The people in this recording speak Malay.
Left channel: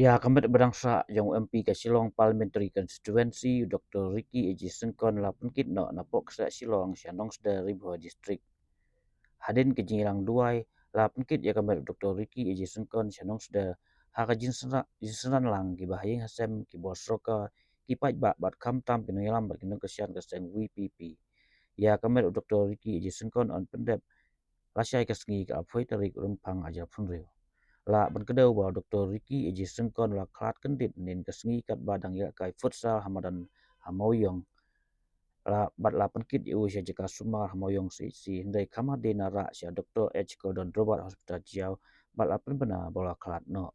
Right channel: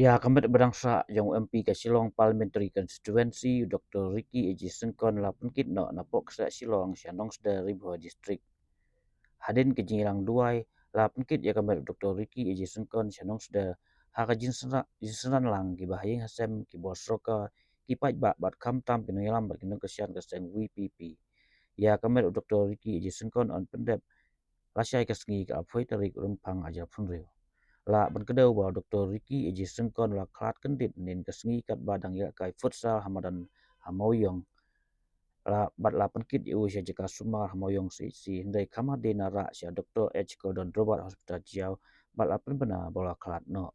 Ya, kami berdangsa yang MP ke Shillong Parliamentary Constituency, Dr. Ricky Eji Syngkon la penkit no na Pohkseh Shillong siya Nongsder Ribho District. Hadin ke Jingilang Duai la penkit ya kami Dr. Ricky Eji Syngkon siya Nongsder haka jinsenan lang ki bahayeng hasem ki bosroka ki pajba bat kamtam pinungilam bat kinung kesian keseng VPP. Ya kami Dr. Ricky Eji Syngkon on pendep lasyai kesengi ke apoi tarik rumpang ajar punriu. La ban kedau ba Dr. Ricky Eji Syngkon la klat kendit nin kesengi kat badang ya kai futsal hamadan hamauyong la bat la penkit yu sia jeka sumar hamauyong si ndai kama de nara sia Dr. H Gordon Robert Hospital Jiao bat la pen bena bola klat no